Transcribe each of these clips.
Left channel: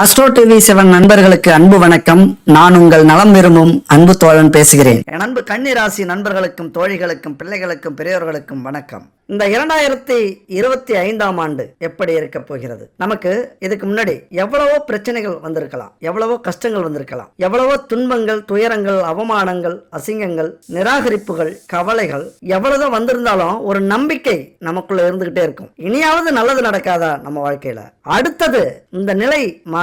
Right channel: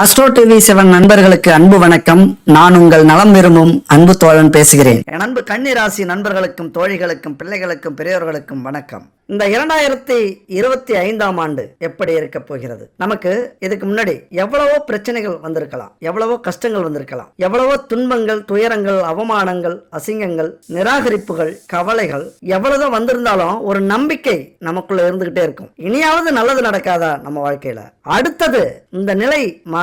astro TV seven நண்பர்களுக்கு அன்பு வணக்கம் நான் உங்கள் நலம் விரும்பும் அன்பு தோழன் பேசுகிறேன் அன்பு கன்னிராசி நண்பர்களுக்கும் தோழிகளுக்கும் பிள்ளைகளுக்கும் பெரியோர்களுக்கும் வணக்கம் இந்த இரண்டாயிரத்தி இருபத்தி ஐந்தாம் ஆண்டு எப்படி இருக்க போகிறது நமக்கு இதுக்கு முன்னாடி எவ்வளவோ பிரச்சனைகள் வந்திருக்கலாம் எவ்வளவோ கஷ்டங்கள் வந்திருக்கலாம் எவ்வளவோ துன்பங்கள் துயரங்கள் அவமானங்கள் அசிங்கங்கள் நிராகரிப்புகள் கவலைகள் எவ்வளவோ வந்திருந்தாலும் ஒரு நம்பிக்கை நமக்குள்ள இருந்துகிட்டே இருக்கும் இனியாவது நல்லது நடக்காதா நம்ம வாழ்க்கையில அடுத்தது இந்த நிலை மா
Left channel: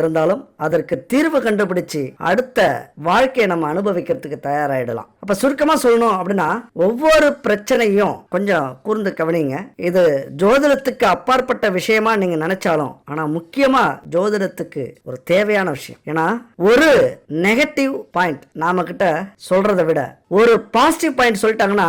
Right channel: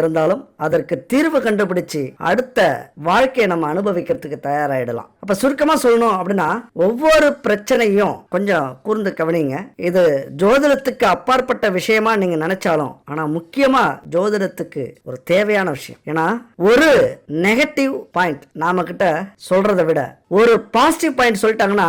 இருந்தாலும் அதற்கு தீர்வு கண்டுபிடிச்சு அடுத்த வாழ்க்கையை நம்ம அனுபவிக்கிறதுக்கு தயாராகிடலாம் அப்ப சுருக்கமா சொல்லணும் அப்படின்னா ஒவ்வொரு பிரச்சனையும் கொஞ்சம் கூர்ந்து கவனிங்க இது ஜோதிடத்துக்கு அப்பாற்பட்ட விஷயமா நீங்க நினைச்சாலும் ஆனா முக்கியமா ஜோதிடத்துக்கு ஒரு தேவையான விஷயம் ஏன்னா ஒரு நெகட்டிவ் பாயிண்ட் நாம கிட்ட சொல்றதை விட ஒரு பாசிட்டிவ் பாயிண்ட் சொல்லிட்டாங்கன்னா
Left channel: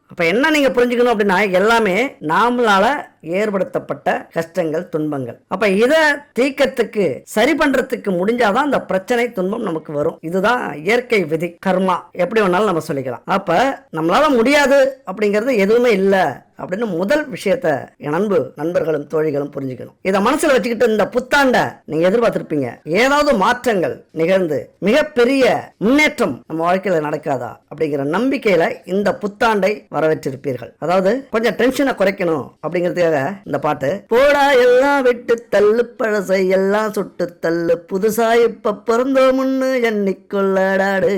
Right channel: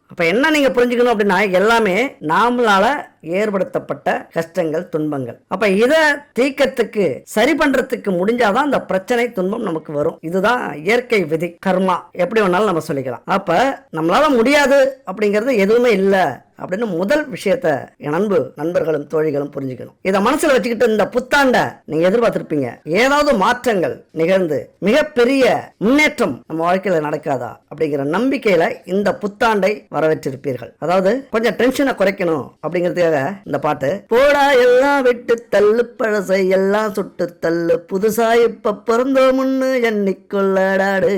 அப்போ என்ன நீங்கள் புரிஞ்சுக்கணும் அப்படின்னா எல்லாமே நாமளால் ஏற்படுத்தப்பட்ட கஷ்டங்கள் துன்பங்கள் அப்போ இதை தீக்கத்துக்கு சரி பண்ணுறதுக்கு முடிஞ்சாதான் அந்த பிரச்சனை துன்பம் நமக்கு வரும் இதுதான் இயற்கை விதி கர்மா எப்படி வேணாலும் நம்ம சொல்லிக்கலாம் அப்போ நம்மளால் முடியாது அப்படிங்கிறது எதுவுமே இல்லை அப்படின்னு முதல் விஷயத்த என் அன்பு நண்பர்களும் தோழிகளும் புரிஞ்சுக்கணும் இதை மனசில் வச்சுக்கிட்டு இந்த புத்தாண்டை நீங்க எதிர்பார்த்திருப்பீங்க ஏதாவது மாற்றங்கள் நிகழ்ந்து மிகப்பெரிய முன்னேற்றம் நம்ம வாழ்க்கையில் நடக்காதா அப்படிங்கிற நம்பிக்கையில் இந்த புத்தாண்டை வரவேற்றிருப்பீர்கள் அதாவது கொஞ்சம் டென்ஷனை குறைக்கணும் அப்படிங்கிறதுக்காக இந்த பாட்டு போடா எல்லாம் விட்டு தள்ளு பழசை எல்லாம் சொட்டு தள்ளு புதுசா இப்ப பிறந்தோம் முன்னு எண்ணிக்கொள்ளடாடு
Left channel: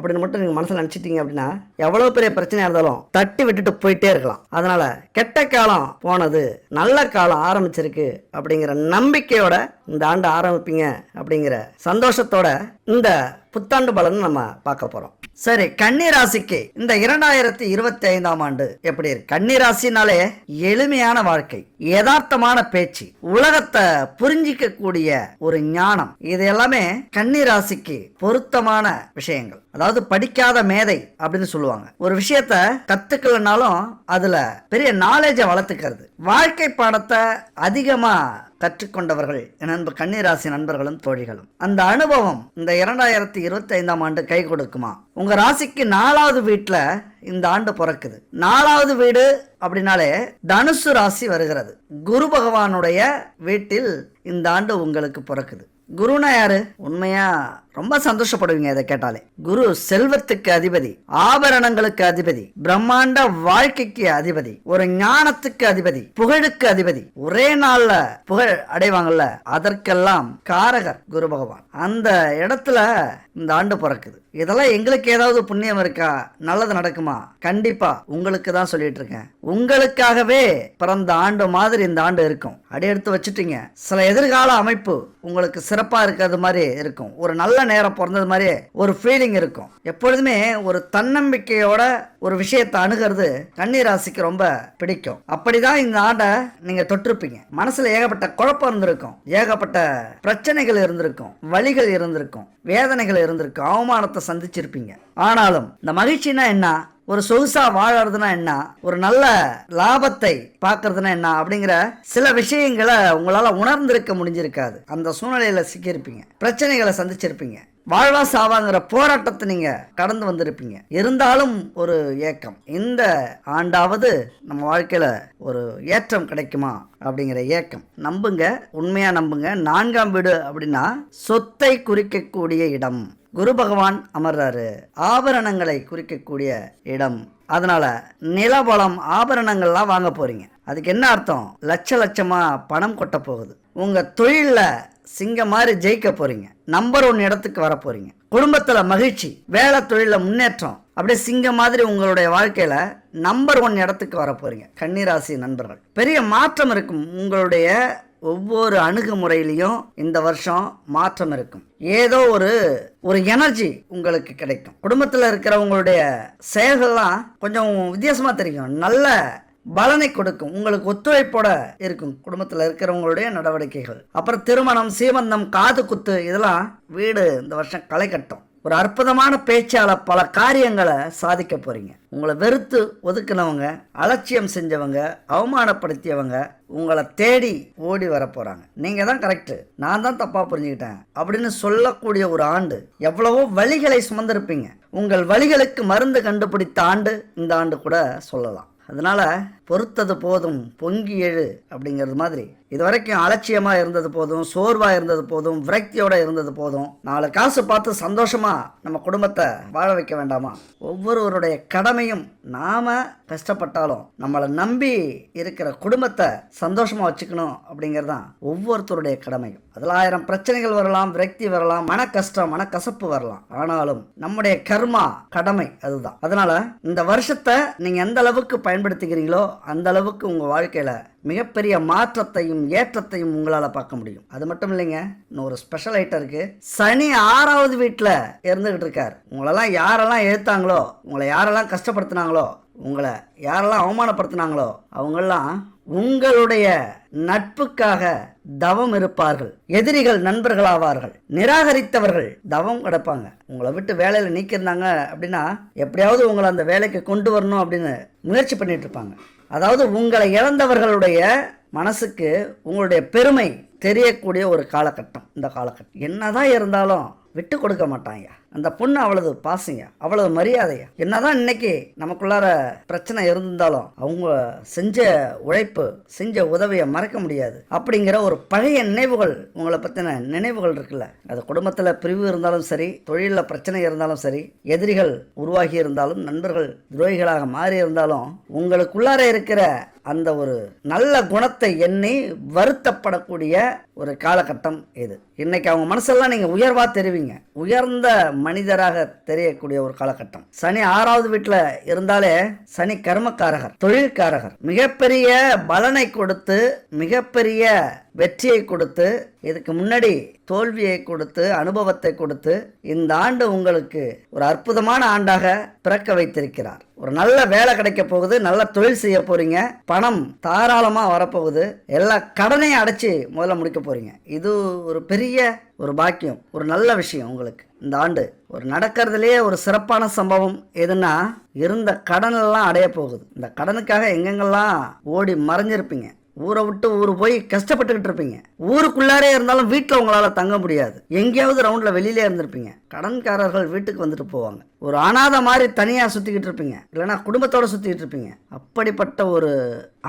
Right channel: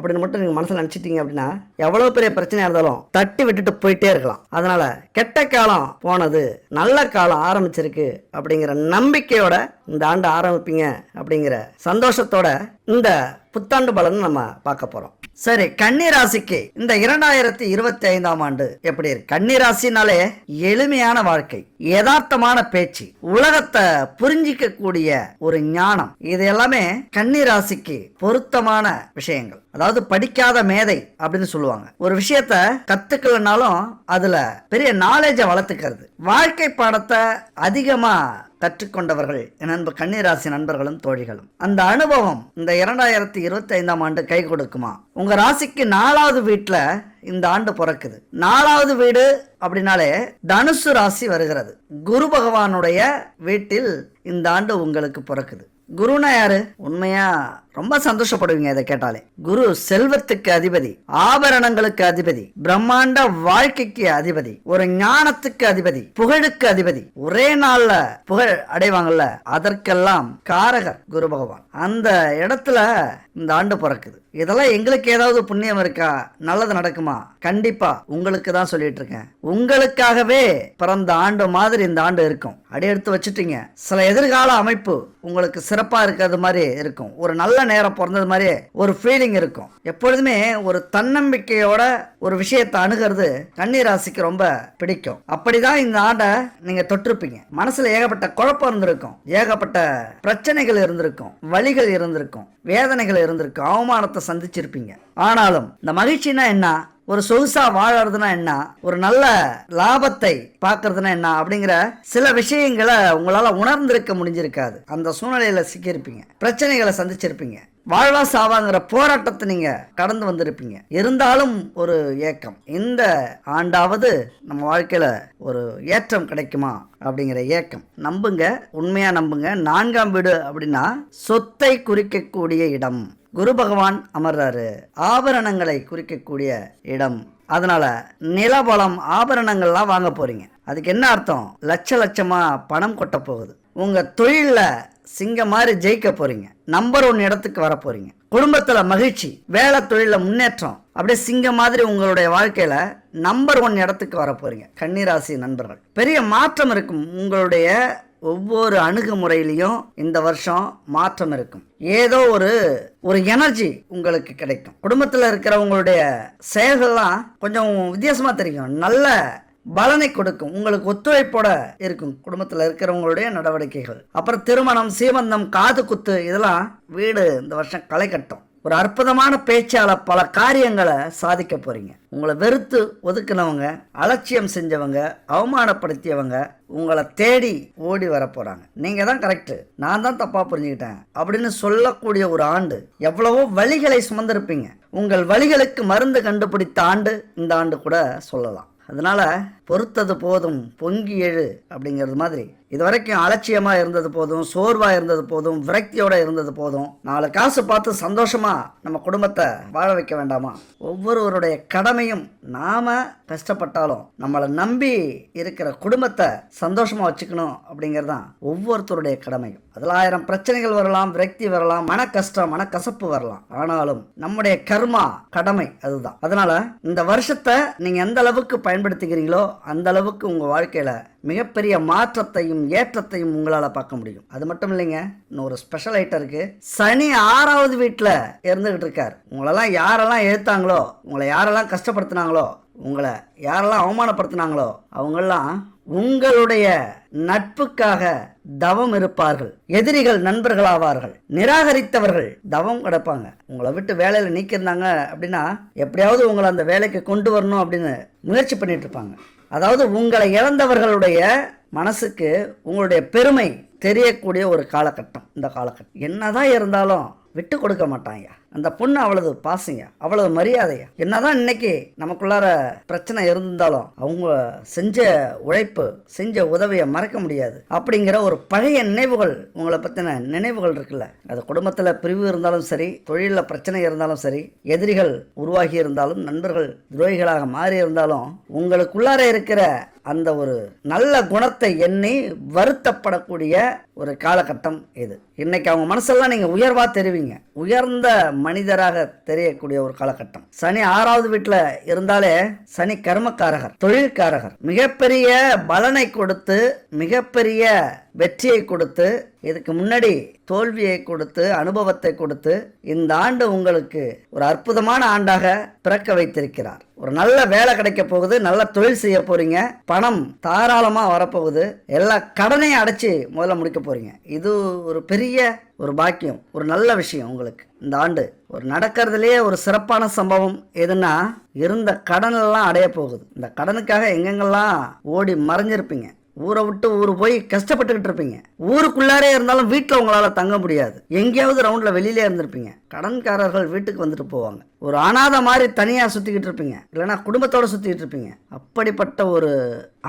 அப்படின்னு மட்டும் நீங்கள் மனசில் நினச்சிட்டீங்க அப்படின்னா எவ்வளோ பெரிய பிரச்சனையாக இருந்தாலும் தட்டி விட்டுட்டு போயிட்டே இருக்கலாம் அதனால் கெட்ட காலம் போனது நல்ல காலம் ஆரம்பிச்சிருக்கு அப்படிங்கிற நம்பிக்கையோட இந்த ஆண்டு ஆரம்பிப்பீங்க அப்படிங்கிற சந்தோஷத்தோட இந்த புத்தாண்டு பலன் நம்ம பார்க்க போறோம் சரி கன்னிராசிக்கு இந்த இரண்டாயிரத்தி இருபத்தி ஐந்தாம் ஆண்டு எப்படி இருக்கு கன்னிராசினாலே எளிமையான வாழ்க்கை யதார்த்தமான பேச்சு உலகத்தை புரிஞ்சிக்க கூடிய ஒரு ஞானம் இது எல்லாமே கன்னிராசிக்கு பொருத்தமான விஷயங்கள் அதாவது படிக்காத மேதை அப்படின்னு சொல்லுவாங்க ஒரு விஷயத்த கத்துக்கலனாலும் அதுல பெரிய நாலேஜை வளர்த்துக்கிறது வாழ்க்கை பாடத்தை அதிகமா கற்றுக்கொண்டவர்கள் எனது அன்பு கன்னிராசி நண்பர்களும் தோழிகளும் அந்த அனுபவம் இந்த இரண்டாயிரத்தி இருபத்தி ஐந்தாம் ஆண்டு கை கொடுக்குமா உங்க ராசிக்கு நாலாவது வீட்டுல இந்த ஆண்டு பிறக்குது நாலாவது வீடு அப்படின்னாலே தனுசு ராசி வருகிறது குரு பகவானுடைய வீட்டில் இந்த ஆண்டு உங்களுக்கு பிறக்குது குருனா யாரு உண்மையா ரொம்ப சந்தோஷப்படுவீங்க இதை கேட்டாலே குரு செல்வத்துக்கு அதிபதி ஆபரணங்களுக்கு அதிபதி பிரம்மாண்ட வாழ்க்கைக்கு அதிபதி ஒரு ஞானத்துக்கு அதிபதி புகழுக்கு அதிபதி ஒரே நாள்ல புகழ் அடைவாங்கல்ல அதற்கெல்லாம் காரகர் குரு பகவான் அந்த இடத்துல இந்த ஆண்டு பிறக்குது இதெல்லாம் எங்களுக்கு ஏதாவது புண்ணியம் இருக்கா நல்லது நடக்குமா கண்டிப்பா உங்களுக்கு தான் சொல்லிட்டு இருக்கேன் உங்களுக்காகவே பிறந்த ஆண்டு மாதிரி இந்த ஆண்டு இருக்கும் அடி எடுத்து வச்சுட்டீங்க சில எதிர்கால அமைப்பு உங்களுக்கு சிறப்பா இருக்கிறது மாதிரி இருக்கும் ஒரு நல்ல நேரம் பிறந்தது மாதிரி ஒரு ஃபீலிங் இருக்கும் எப்பொழுதுமே ஒரு தன்னம்பிக்கையோட ஒரு விஷயத்தை அணுகிறது ராசிக்கு ரொம்ப பிடிக்கும் அப்படிதான் இந்த ஆண்டை நீங்க தொட்டிருப்பீங்க மனசுல ஏகப்பட்ட குழப்பம் இருந்திருக்கும் ஏகப்பட்ட பிரச்சனைகள் இருந்திருக்கும் வழிகள் இருந்திருக்கும் வேதனைகள் இருந்திருக்கும் அவமானத்தை சந்திச்சிருப்பீங்க ஆனாலும் இந்த மகிழ்ச்சினா என்ன ஒரு சொகுசாக வாழறதுனா என்ன ஒரு நல்ல லாபத்தை பார்க்கறதுனா என்ன அப்படிங்கிற சில விஷயங்களை உங்களால் உணர்ந்திருக்க முடிஞ்சிருக்காது அந்த சூழ்நிலையில் சிக்கியிருப்பீங்க பிரச்சனைகளை சந்திச்சிருப்பீங்க வாழ்வா சாவாங்கிற போராட்டத்தை நீங்கள் கடந்து வந்திருப்பீங்க இருந்தாலும் ஒரு ஏக்கம் இந்த ஆண்டாவது நம்ம வாழ்க்கையில் ஒரு ஏற்றம் கிடைக்குமா அப்படிங்கிற ஏக்கம் நம்புங்க உண்மையாக நம்புங்க நான்காம் வீடு அப்படின்னா சொத்தை குறிக்கக்கூடிய இடம் குரு பகவான் அமர்றாரு ஆபரணங்களை குறிக்கக்கூடிய இடம் அதனால நிலபலம் ஆபரணங்கள்லாம் வாங்க போறீங்க அதுக்கு என்ன அர்த்தம் லட்ச லட்சமா பணம் கொட்ட போகுது உங்க தொழிலில் சிங்கம் மாதிரி ஜெயிக்க போறீங்க நம்பர் ஒன் இடத்துக்கு வர போறீங்க குடும்பத்துல மகிழ்ச்சி வேலை தொழில முன்னேற்றம் அப்படியே சிங்கம் மாதிரி உங்களுடைய வாழ்க்கையில நம்பர் ஒன் இடத்துக்கு வர போறீங்க கன்னிராசி நண்பர்கள் பெரிய மாற்றம் இருக்கும் உங்களுடைய ஒவ்வொரு அணுகுமுறையிலையும் இந்த வருஷம் மாற்றம் இருக்கும் ஏதோ ஒரு ஒரு எனர்ஜி உங்களுக்கு கிடைக்கும் குடும்பத்தில் இருக்கிறவங்களுடைய செயல்கள்லாம் கொஞ்சம் வித்தியாசமாக தெரியும் நல்ல பலனை கொடுக்கும் உங்களுக்கு ஒத்துழைப்போட இருக்கும் குடும்பத்தில் இருக்கிறவங்களுடைய நடவடிக்கைகள் அப்புறம் திருமணம் சீமந்தம் காது குத்து இதெல்லாம் வீடு இந்த வருஷம் களை கட்டும் ஒரு அற்புதமான பேச்சால பல காரியங்களை சாதிக்க போறீங்க உங்களை வெறுத்து ஒதுக்கினவங்க அலட்சியம் செஞ்சவங்க அவமானப்படுத்தியவங்க உங்களை தேடி ஓடி வர போறாங்க நீங்க தான் கரெக்டு நான் தான் தப்பா புரிஞ்சுக்கிட்டேன் அப்படின்னு சொல்லக்கூடிய ஒரு ஆண்டு எவ்வளவோ வழிகளை சுமந்திருப்பீங்க உங்கள் வழிகளுக்கு மருந்து கண்டுபிடித்த ஆண்டு இந்த ஆண்டு கூட சொல்லலாம் அதனால பொறுத்தது போதும் பொங்கி எழு அப்படிங்கிறது மாதிரி இது வரைக்கும் அலட்சியமா இருந்தது போதும் சோர்வா இருந்தது போதும் விரக்தியோட இருந்தது போதும் நாலு காசு பார்த்து சந்தோஷமா நம்ம குடும்பத்தை வாழ வைக்க வேண்டாமா ஒவ்வொருவருடைய கடமையும் நாம கஷ்டப்பட்டாலும் நம்மளை நம்பி இருக்கிற குடும்பத்தை சந்தோஷமா வச்சுக்கணும் அப்படிங்கறதான் ஒவ்வொருத்தருடைய கடமையும் அதில் ஆயிரம் பிரச்சனைகள் வரலாம் விரக்தி வரலாம் மன கஷ்டம் மன கசப்பு வரலாம் ஆனாலும் நம்முடைய கர்மா கடமை அதுதான் அதனால இந்த வருஷத்தை நீங்க எந்த அளவுக்கு பயன்படுத்துகிறீங்களோ அந்த அளவுக்கு உங்க வாழ்க்கையில மிகப்பெரிய மாற்றத்தையும் ஏற்றத்தையும் உங்களால் பார்க்க முடியும் அது மட்டும் இல்லைங்க இன்னும் ஒரு ஸ்பெஷல் ஐட்டம் இருக்கு சனி ஆறாவது வீட்டில் இருந்துகிட்டு இருக்கார் உங்களெல்லாம் யாரெல்லாம் ஏற்றாங்களோ உங்களை யாரெல்லாம் கஷ்டப்படுத்தினாங்களோ உங்களை யாரெல்லாம் அவமானப்படுத்தினாங்களோ அவங்கெல்லாம் உங்களுடைய நட்புக்காக தவம் இருப்பார்கள் எதிரிகள் நண்பர்களாவார்கள் நிராகரித்தவர்கள் தவம் கிடப்பாங்க உங்களை விட்டு வேலையில் நீக்கியிருந்தாங்க அப்படின்னா எப்படியாவது உங்களை அந்த வேலைக்கு கொண்டு வரணும் அப்படின்னு முயற்சி பண்ணிட்டு இருப்பாங்க அதாவது உங்களை இழந்தவர்களுடைய மனசுக்கு உங்களுடைய பெருமை தெரியக்கூடிய ஒரு காலகட்டம் இந்த காலகட்டம் என்னதான் இருந்தாலும் விட்டு கொடுக்க மாட்டாங்க அந்த பொண்ணு அவ்வளவு பாசிங்க அவ்வளவு மரியாதைங்க என்னதான் இன்னைக்கு நமக்குள்ளார பிரச்சனை இருந்தாலும் அவங்க செஞ்ச உழைப்பு செஞ்ச உதவியை மறக்க முடியாது அப்படிங்கிற ஒரு பழைய நினைவுகள் உங்களை பத்தின நினைவுகள் இருக்குல்ல அது குடும்பத்துல பிரிவு இருந்தாலும் சரி தொழிலில் பிரச்சனை இருந்தாலும் சரி எதிரிகள் உருவாகி இருந்தாலும் நண்பர்கள் துரோகிகளாக மாறி இருந்தாலும் உங்களுக்குள்ளார இருக்கிற அந்த ஒரு நல்ல குணத்தை எண்ணி வருத்தப்படக்கூடிய ஒரு காலகட்டம் இது இன்னைக்கு அவங்க மனசெல்லாம் நீங்க உயர்வா தெரிவிங்க உயர்ந்த மனிதராக தெரியக்கூடிய ஒரு காலகட்டம் சனி ஆறாவது வீட்டில் இருந்தாலே சனி கர்மக்காரகர் தொழில்காரகர் மிகப்பெரிய பலனை கொடுத்து மிகப்பெரிய வெற்றியை கொடுத்து இதுக்கு முன்னாடி தோல்வியை கொடுத்து அனுபவத்தை கொடுத்து இந்த ஆண்டு உங்களுக்கு ஒரு அற்புதமான ஆண்டாக பிறக்க வைத்திருக்கிறார் ஒரு நல்ல வேலை கிடைக்க போகுது நல்ல தொழில் செய்ய போறீங்க பணம் தாராளமாக வரப்போகுது எல்லா கடனையும் அடைச்சி முதல்ல முடிக்க போறீங்க இது ஒரு பெரிய ஒரு பாக்கியம் ஒரு நல்ல விஷயம் உங்களுக்கு இந்த ஆண்டு ஒரு நடக்கிறதுலே ஒரு சிறப்பான சம்பவம் எதுனா இருந்த கடனெல்லாம் அடைய போகுது இந்த கடனுக்காக எங்கெங்கெல்லாம் ஓடி மறைஞ்சிருப்பீங்க ஊரை விட்டு ஊர் போய் கஷ்டப்பட்டுக்கிட்டு இருப்பீங்க ஊருக்குள்ளாரே இருந்தாலும் வீட்டில் உங்களால் தங்க முடியாது எங்கேயாவது ரவுண்டில் வெளியிலே இருந்திருப்பீங்க கடன்காரர்கள் வீட்டுக்கு வந்துட்டு போவாங்க ஒரு அனாத மாதிரி தனியாக சுற்றிக்கிட்டு இருப்பீங்க இல்லைன்னா குடும்பத்தோடு சுற்றிக்கிட்டு இருப்பீங்க அப்படிப்பட்ட ஒரு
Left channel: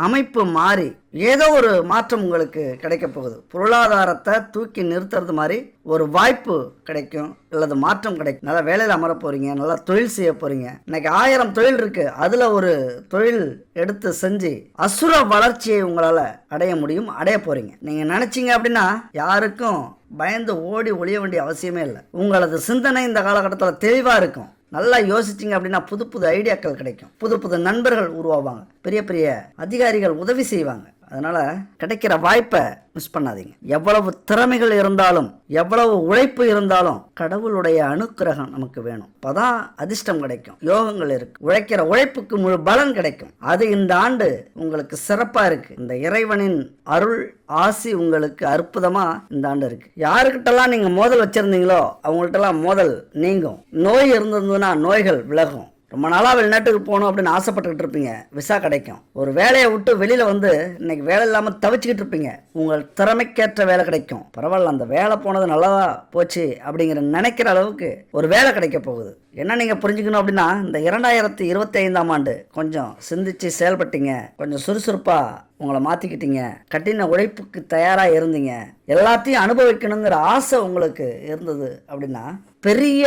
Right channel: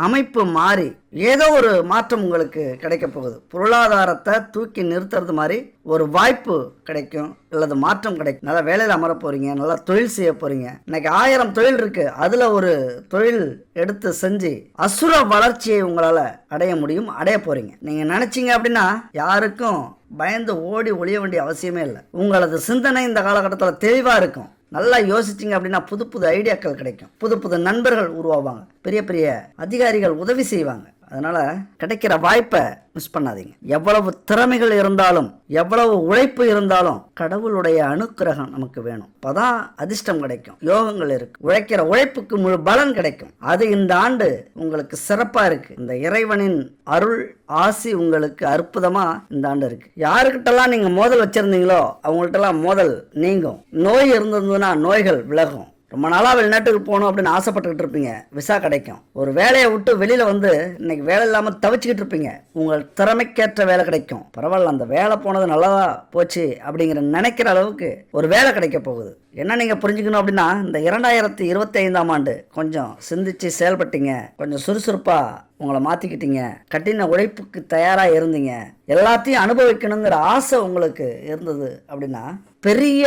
அமைப்பு மாறி ஏதோ ஒரு மாற்றம் உங்களுக்கு கிடைக்க போகுது பொருளாதாரத்தை தூக்கி நிறுத்துறது மாதிரி ஒரு வாய்ப்பு கிடைக்கும் அல்லது மாற்றம் கிடைக்கும் நல்லா வேலையில் அமர போகிறீங்க நல்லா தொழில் செய்ய போகிறீங்க இன்னைக்கு ஆயிரம் தொழில் இருக்கு அதில் ஒரு தொழில் எடுத்து செஞ்சு அசுர வளர்ச்சியை உங்களால் அடைய முடியும் அடைய போறீங்க நீங்கள் நினச்சிங்க அப்படின்னா யாருக்கும் பயந்து ஓடி ஒழிய வேண்டிய அவசியமே இல்லை உங்களது சிந்தனை இந்த காலகட்டத்தில் தெளிவாக இருக்கும் நல்லா யோசிச்சிங்க அப்படின்னா புது புது ஐடியாக்கள் கிடைக்கும் புது புது நண்பர்கள் உருவாவாங்க பெரிய பெரிய அதிகாரிகள் உதவி செய்வாங்க அதனால் கிடைக்கிற வாய்ப்பை மிஸ் பண்ணாதீங்க எவ்வளவு திறமைகள் இருந்தாலும் எவ்வளவு உழைப்பு இருந்தாலும் கடவுளுடைய அனுக்கிரகம் நமக்கு வேணும் அப்போதான் அதிர்ஷ்டம் கிடைக்கும் யோகங்கள் இருக்கு உழைக்கிற உழைப்புக்கு முழு பலன் கிடைக்கும் அது இந்த ஆண்டு உங்களுக்கு சிறப்பாக இருக்கு இந்த இறைவனின் அருள் ஆசி உங்களுக்கு அற்புதமாக இந்த ஆண்டு இருக்கு யாருக்கிட்டலாம் நீங்கள் மோதல் வச்சிருந்தீங்களோ அவங்கள்ட்டலாம் மோதல் நீங்கும் நோய் இருந்ததுன்னா நோய்கள் விலகும் ரொம்ப நாளாக வெளிநாட்டுக்கு போகணும் அப்படின்னு ஆசைப்பட்டுக்கிட்டு இருப்பீங்க விசா கிடைக்கும் ஒரு வேலையை விட்டு வெளியில் வந்து இன்னைக்கு வேலை இல்லாமல் தவிச்சுக்கிட்டு இருப்பீங்க உங்கள் திறமைக்கேற்ற வேலை கிடைக்கும் பரவாயில்ல அந்த வேலை போனது நல்லதா போச்சு அப்படிங்கிற நினைக்கிற அளவுக்கு ஒரு வேலை கிடைக்க போகுது என்ன நீங்கள் புரிஞ்சுக்கணும் அப்படின்னா இந்த இரண்டாயிரத்தி இருபத்தி ஐந்தாம் ஆண்டு கொஞ்சம் சிந்திச்சு செயல்பட்டீங்க கொஞ்சம் சுறுசுறுப்பாக உங்களை மாற்றிக்கிட்டீங்க கட்டின உழைப்புக்கு தயாராக இருந்தீங்க எல்லாத்தையும் அனுபவிக்கணுங்கிற ஆசை உங்களுக்கு இருந்தது அப்படின்னா பெரிய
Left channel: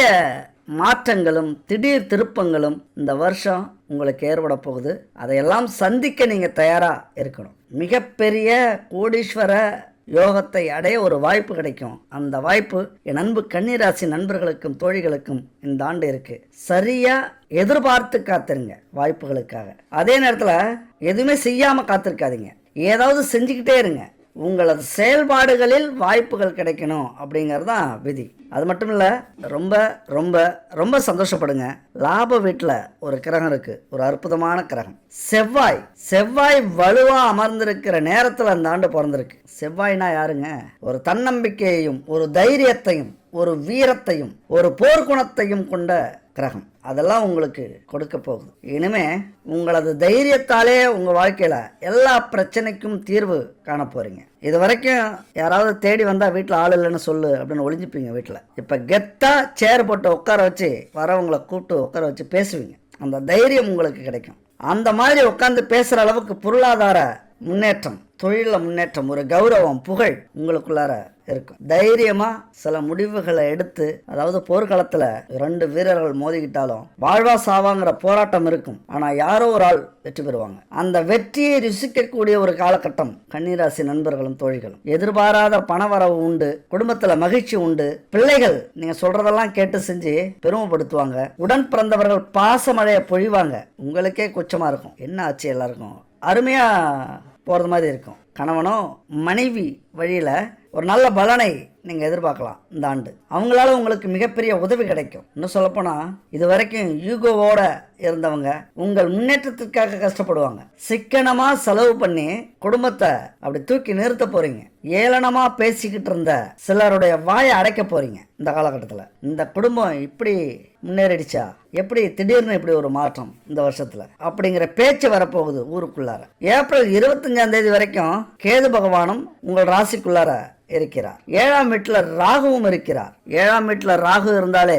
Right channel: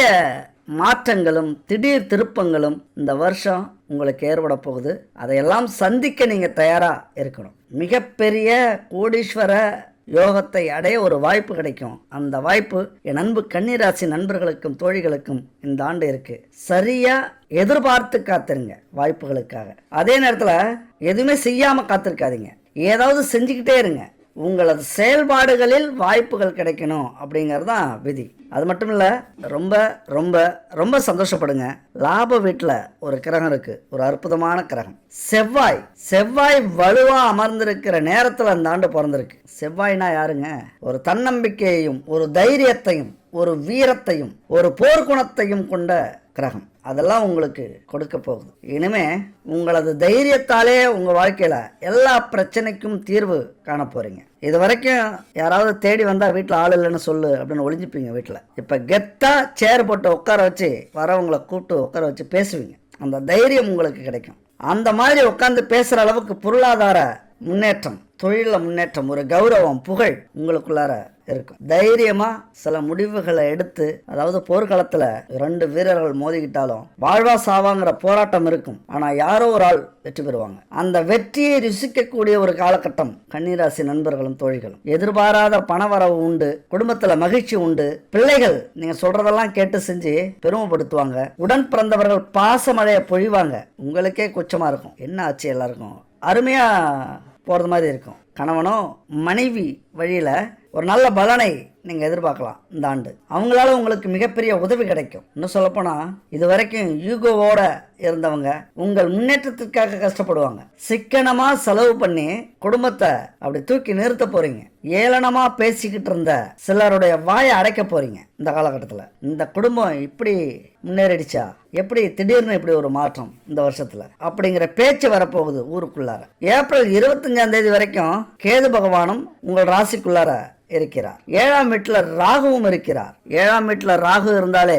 மாற்றங்களும் திடீர் திருப்பங்களும் இந்த வருஷம் உங்களுக்கு ஏற்பட போகுது அதையெல்லாம் சந்திக்க நீங்கள் தயாராக இருக்கணும் மிகப்பெரிய கோடீஸ்வர யோகத்தை அடைய ஒரு வாய்ப்பு கிடைக்கும் அந்த வாய்ப்பு என் அன்பு கன்னிராசி நண்பர்களுக்கும் தோழிகளுக்கும் இந்த ஆண்டு இருக்கு சரியா எதிர்பார்த்து காத்துருங்க வாய்ப்புகளுக்காக அதே நேரத்தில் எதுவுமே செய்யாம காத்திருக்காதீங்க ஏதாவது செஞ்சுக்கிட்டே இருங்க உங்களது செயல்பாடுகளில் வாய்ப்புகள் கிடைக்கணும் அப்படிங்கிறது தான் விதி அது மட்டும் இல்லை ரொம்ப ரொம்ப ரொம்ப சந்தோஷப்படுங்க லாப வீட்டில் ஒரு கிரகம் இருக்கு ஒரு அற்புதமான கிரகம் செவ்வாய் செவ்வாய் வலுவாக அமர்ந்திருக்கிற நேரத்தில் அந்த ஆண்டு பிறந்திருக்கு செவ்வாய்னா யாருங்க ஒரு தன்னம்பிக்கையையும் ஒரு தைரியத்தையும் ஒரு வீரத்தையும் ஒரு போர்க்குணத்தையும் கொண்ட கிரகம் அதெல்லாம் உங்களுக்கு கொடுக்க போகுது இனிமே உங்களது தைரியத்தாலே உங்க வாழ்க்கையில எல்லா பிரச்சனைக்கும் தீர்வு காண போறீங்க இது வரைக்கும் யாராவது தேடி வந்தா வீட்டில் ஆள் இல்லைன்னு சொல்லு அப்படின்னு ஒளிஞ்சுப்பீங்க வீட்டில் இப்போ கெத்தா சேர் போட்டு உட்கார வச்சு வரவங்களை கூப்பிட்டு உட்கார வச்சு பேசுவீங்க அந்த தைரியம் உங்களுக்கு கிடைக்கும் அந்த மாதிரி உட்காந்து பேசுகிற அளவுக்கு பொருளாதார முன்னேற்றம் தொழிலில் முன்னேற்றம் ஒரு கௌரவம் புகழ் உங்களுக்குள்ளார இருக்கும் தைரியமா சில முடிவுகளை எடுத்து அதாவது போர்க்களத்தில் ரெண்டு வீரர்கள் மோதிக்கிட்டாலும் வாழ்வா சாவாங்கிற போராட்டம் இருக்கும் ஆனா யாரோ ஒரு ஆள் வெற்றி பெறுவாங்க அந்த வெற்றியை ருசிக்கக்கூடிய ஒரு காலகட்டம் கன்னிராசி நண்பர்களும் தோழிகளும் எதிர்பாராத பணவரவு உண்டு குடும்பத்துல மகிழ்ச்சி உண்டு பிள்ளைகள் நீங்க சொல்றதெல்லாம் கேட்டு செஞ்சு பெருமைப்படுத்துவாங்க உடன் பிறந்தவர்கள் பாசமழையை பொழிவாங்க உங்களுக்கே குச்சமாக இருக்கும் என்ன ஆச்சு எல்லாருக்கும் அருமையாக போகிறது மாதிரி இருக்கும் கணவனும் மனைவி வழியில் ஒரு நல்ல பலனை நீங்கள் எதிர்பார்க்கலாம் இந்த ஆண்டு அவங்களால உங்களுக்கு மிகப்பெரிய உதவி கிடைக்கும் இன்னும் சொல்லப்போனால் இது வரைக்கும் யூகோவோட இருந்தவங்க உங்கள் முன்னேற்றத்திற்காக கஷ்டப்படுவாங்க சிக்கனமாக செலவு பண்ணி குடும்பத்தை அப்படி தூக்கி நிறுத்த போறீங்க ஏளனமாக பேசிக்கிட்டு இருந்த சிலருடைய வாயை அடைக்க போறீங்க இந்த காலகட்டத்தில் இந்த குடும்பம் இப்படி முன்னேறிடுச்சா எப்படி திடீர்னு இப்படி ஒரு மாற்றம் இந்த வருஷத்துல அப்படிங்கிற பேச்சு வரப்போகுது ஊருக்குள்ளார ஏப்ரல் இருபத்தஞ்சாம் தேதி வரைக்கும் கேது பகவானும் உங்கள் ராசிக்குள்ளார இருக்கிறார் ஏழாம் வீட்டில் ராகுவும் இருக்கிறார் ஏழாம் வீட்டில் ராகு இருந்தாலே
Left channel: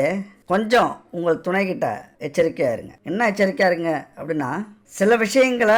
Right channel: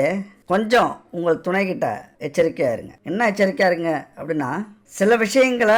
கொஞ்சம் உங்கள் துணை கிட்ட எச்சரிக்கையா இருங்க என்ன எச்சரிக்கையா இருங்க அப்படின்னா சில விஷயங்களை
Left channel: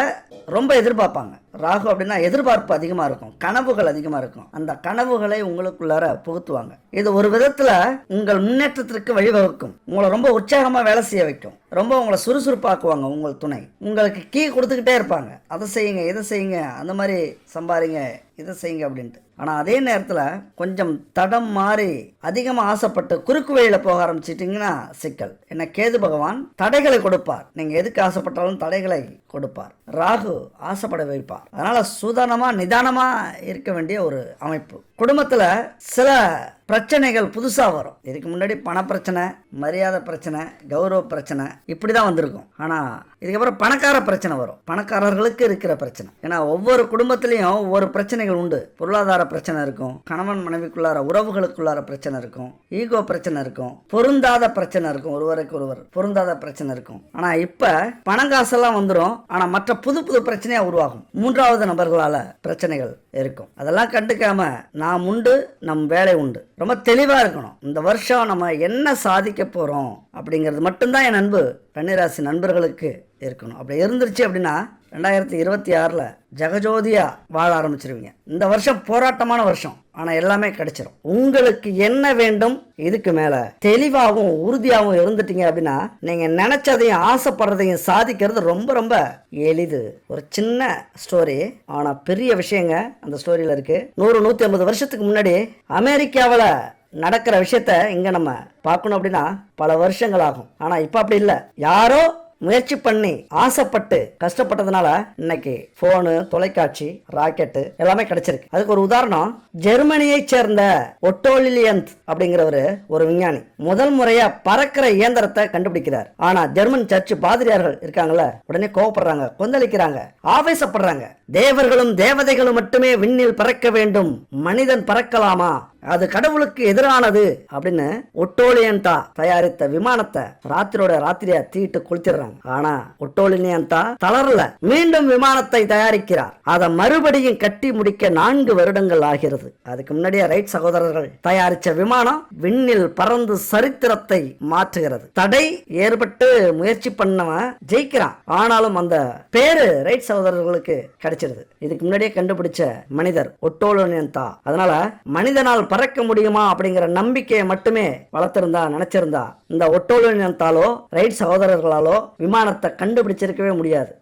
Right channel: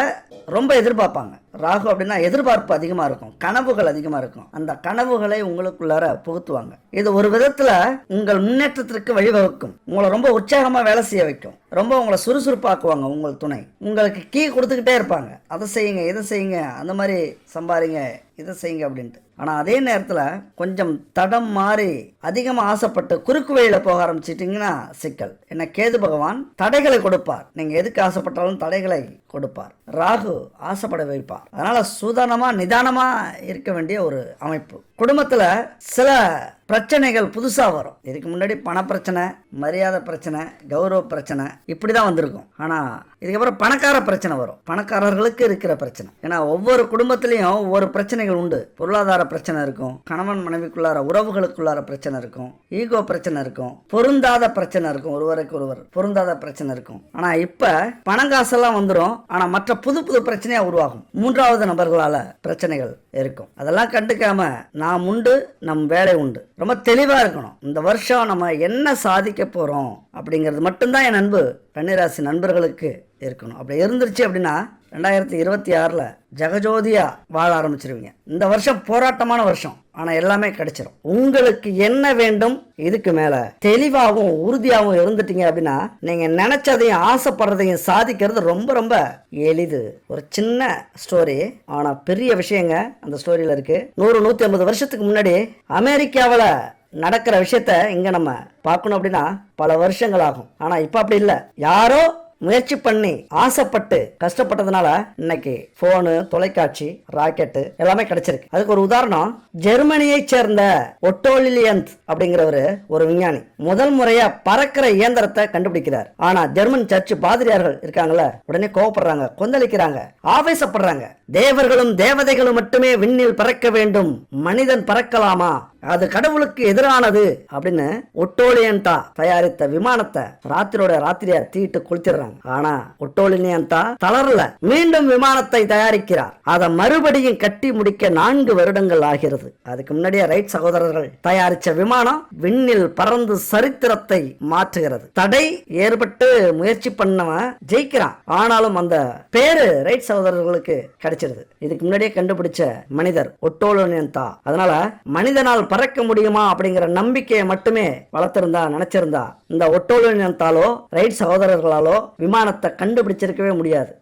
ரொம்ப எதிர்பார்ப்பாங்க ராகு அப்படின்னா எதிர்பார்ப்பு அதிகமாக இருக்கும் கனவுகள் அதிகமாக இருக்கும் அந்த கனவுகளை உங்களுக்குள்ளார புகுத்துவாங்க இது ஒரு விதத்தில் உங்கள் முன்னேற்றத்திற்கு வழிவகுக்கும் உங்களை ரொம்ப உற்சாகமாக வேலை செய்ய வைக்கும் ரொம்ப உங்களை சுறுசுறுப்பாக்குவாங்க உங்கள் துணை உங்களுக்கு கீ கொடுத்துக்கிட்டே இருப்பாங்க அதை செய்யுங்க இதை செய்யுங்க அந்த மாதிரி சம்பாதிங்க இதை செய்யுங்க அப்படின்ட்டு ஆனால் அதே நேரத்தில் கொஞ்சம் தடம் மாறி அதிகமாக ஆசைப்பட்டு குறுக்கு வழியில் போக ஆரம்பிச்சிட்டிங்கன்னா சிக்கல் என்ன கேது பகவான் தடைகளை கொடுப்பார் நீங்கள் எதுக்கு ஆசைப்பட்டாலும் தடைகளை கொடுப்பார் ராகு ஆசைப்பட வைப்பார் அதனால் சூதானமாக நிதானமாக இருக்க வேண்டிய ஒரு அமைப்பு குடும்பத்தில் சில பிரச்சனைகள் புதுசாக வரும் இதுக்கு முன்னாடி பண பிரச்சனை மரியாதை பிரச்சனை கௌரவ பிரச்சனை இப்படி தான் வந்திருக்கும் ஆனால் இதுக்கப்புறம் பணக்கார பிரச்சனை வரும் பணக்காரர்களுக்கு இருக்கிற பிரச்சனை ஏன்னா ஒவ்வொரு குடும்பத்திலையும் ஒவ்வொரு பிரச்சனைகள் உண்டு பொருளாதார பிரச்சனை இருக்கும் கணவன் மனைவிக்குள்ளார உறவுகளுக்குள்ளார பிரச்சனை இருக்கும் ஈகோ பிரச்சனை இருக்கும் பொருந்தாத பிரச்சனை இருக்கும் ஒருவருக்கு ஒருவர் பொருந்தாத பிரச்சனை இருக்கும் ஆனால் இப்போ காசெல்லாம் வந்துடும் ஆனால் மற்ற புது புது பிரச்சனையாக உருவாகும் மூன்றாவது நபர்களால் பிரச்சனைகள் இருக்கும் அதெல்லாம் கண்டுக்காம நாம் உண்டு நம் வேலை உண்டு ரொம்ப தெளிவாக இருக்கணும் இந்த வருஷம் நம்ம என்ன சாதிக்க போகிறோம் அப்படிங்கிறது மட்டும்தான் என் அன்பு கன்னிராசி நண்பர்களுக்கு இருக்கணும் அப்படி இருந்துருச்சு அப்படின்னா ரெண்டாயிரத்தி இருபத்தி ஆறில் ஜெகஜோதியாக வாழ ஆரம்பிச்சிருவீங்க இந்த வருஷம் போராட்டமான வருஷம் ஆனால் எல்லாமே கிடைச்சிடும் உங்களுக்கு என்ன வேண்டும் இதுக்கு மேலே தெளிவாகவும் உறுதியாகவும் இருந்துட்டீங்க அப்படின்னா நீங்கள் நினச்சதையும் ஆசைப்படுறதையும் சாதிக்கிறது ரொம்ப ரொம்ப எளிது ஒரு சின்ன ஸ்டோரி ஆனால் பெரிய விஷயங்க அந்த ஸ்டோரியில் இருக்குது நூறு நூற்றி ஐம்பது வருஷத்துக்கு முன்னாடி அமெரிக்காவில் நடக்கிற விஷயத்த இங்கே நம்ம பார்க்கணும் அப்படின்னா பல வருஷங்கள் ஆகும் ஆனால் இப்போ அப்படி இல்லை யாரோ முயற்சி பண்ணி ஆசைப்பட்டு கஷ்டப்பட்டதுனால இன்னைக்கு போனு தொலைக்காட்சி ராக்கெட்டு எல்லாமே கிடைச்சிருக்கு அதுக்கு ஒரு உதாரணம் ஜெர்மனியை சேர்ந்த ஒட்டோலிலியன்ஸ் அப்படிங்கிறவரு ஒரு விஞ்ஞானி முதல் முறையா பறக்கிற இயந்திரத்தை கண்டுபிடிக்கிறார் ஆனா ஜெர்மன் சர்ச் பாதிரியார்கள் இருக்காங்கல்ல உடனே கோவப்படுறாங்க கொந்தளிக்கிறாங்க ஆவேசப்படுறாங்க தேவர்களும் தேவதைகளும் மட்டுமே விண்ணில் பறக்க வேண்டும் மனிதன் பறக்கலாமா அது கடவுளுக்கு எதிரானது அப்படின்னு ஒட்டோலியன்தா தயாரித்த விமானத்தை ராத்திரியோட ராத்திரியா தீட்டு குளிச்சிடுறாங்க ஆனா ஒட்டோலினியன்தா தளரல மீண்டும் விமானத்தை தயாரிக்கிறார் அதை மறுபடியும் கட்டி முடிக்க நான்கு வருடங்கள் ஆகிறது அதுக்கு முன்னாடியே ரைட் சகோதரர்கள் தயாரிச்ச விமானம் விண்ணில் பறந்து சரித்திரத்தை மாற்றுகிறது தடை ஏற்பட்டு முயற்சி பண்ணவன் ஜெயிக்கிறான் ஆனாலும் அந்த பேரு ரைட் சகோதரர்களுக்கு கிடைச்சிருது இதுக்கு முன்னாடியே கண்டுபிடிச்ச மனிதர் ஒட்டோலோனியன்தா அதனால மனிதனால் பறக்க முடியுமா அப்படிங்கிற நம்பிக்கையை மட்டுமே வளர்த்திருந்தா நினைச்சிருந்தா இந்த ஒட்டோலினத்தாலோ ரைட் சகோதரர்களாலோ விமானத்தை கண்டுபிடிச்சிருக்கவே முடியாது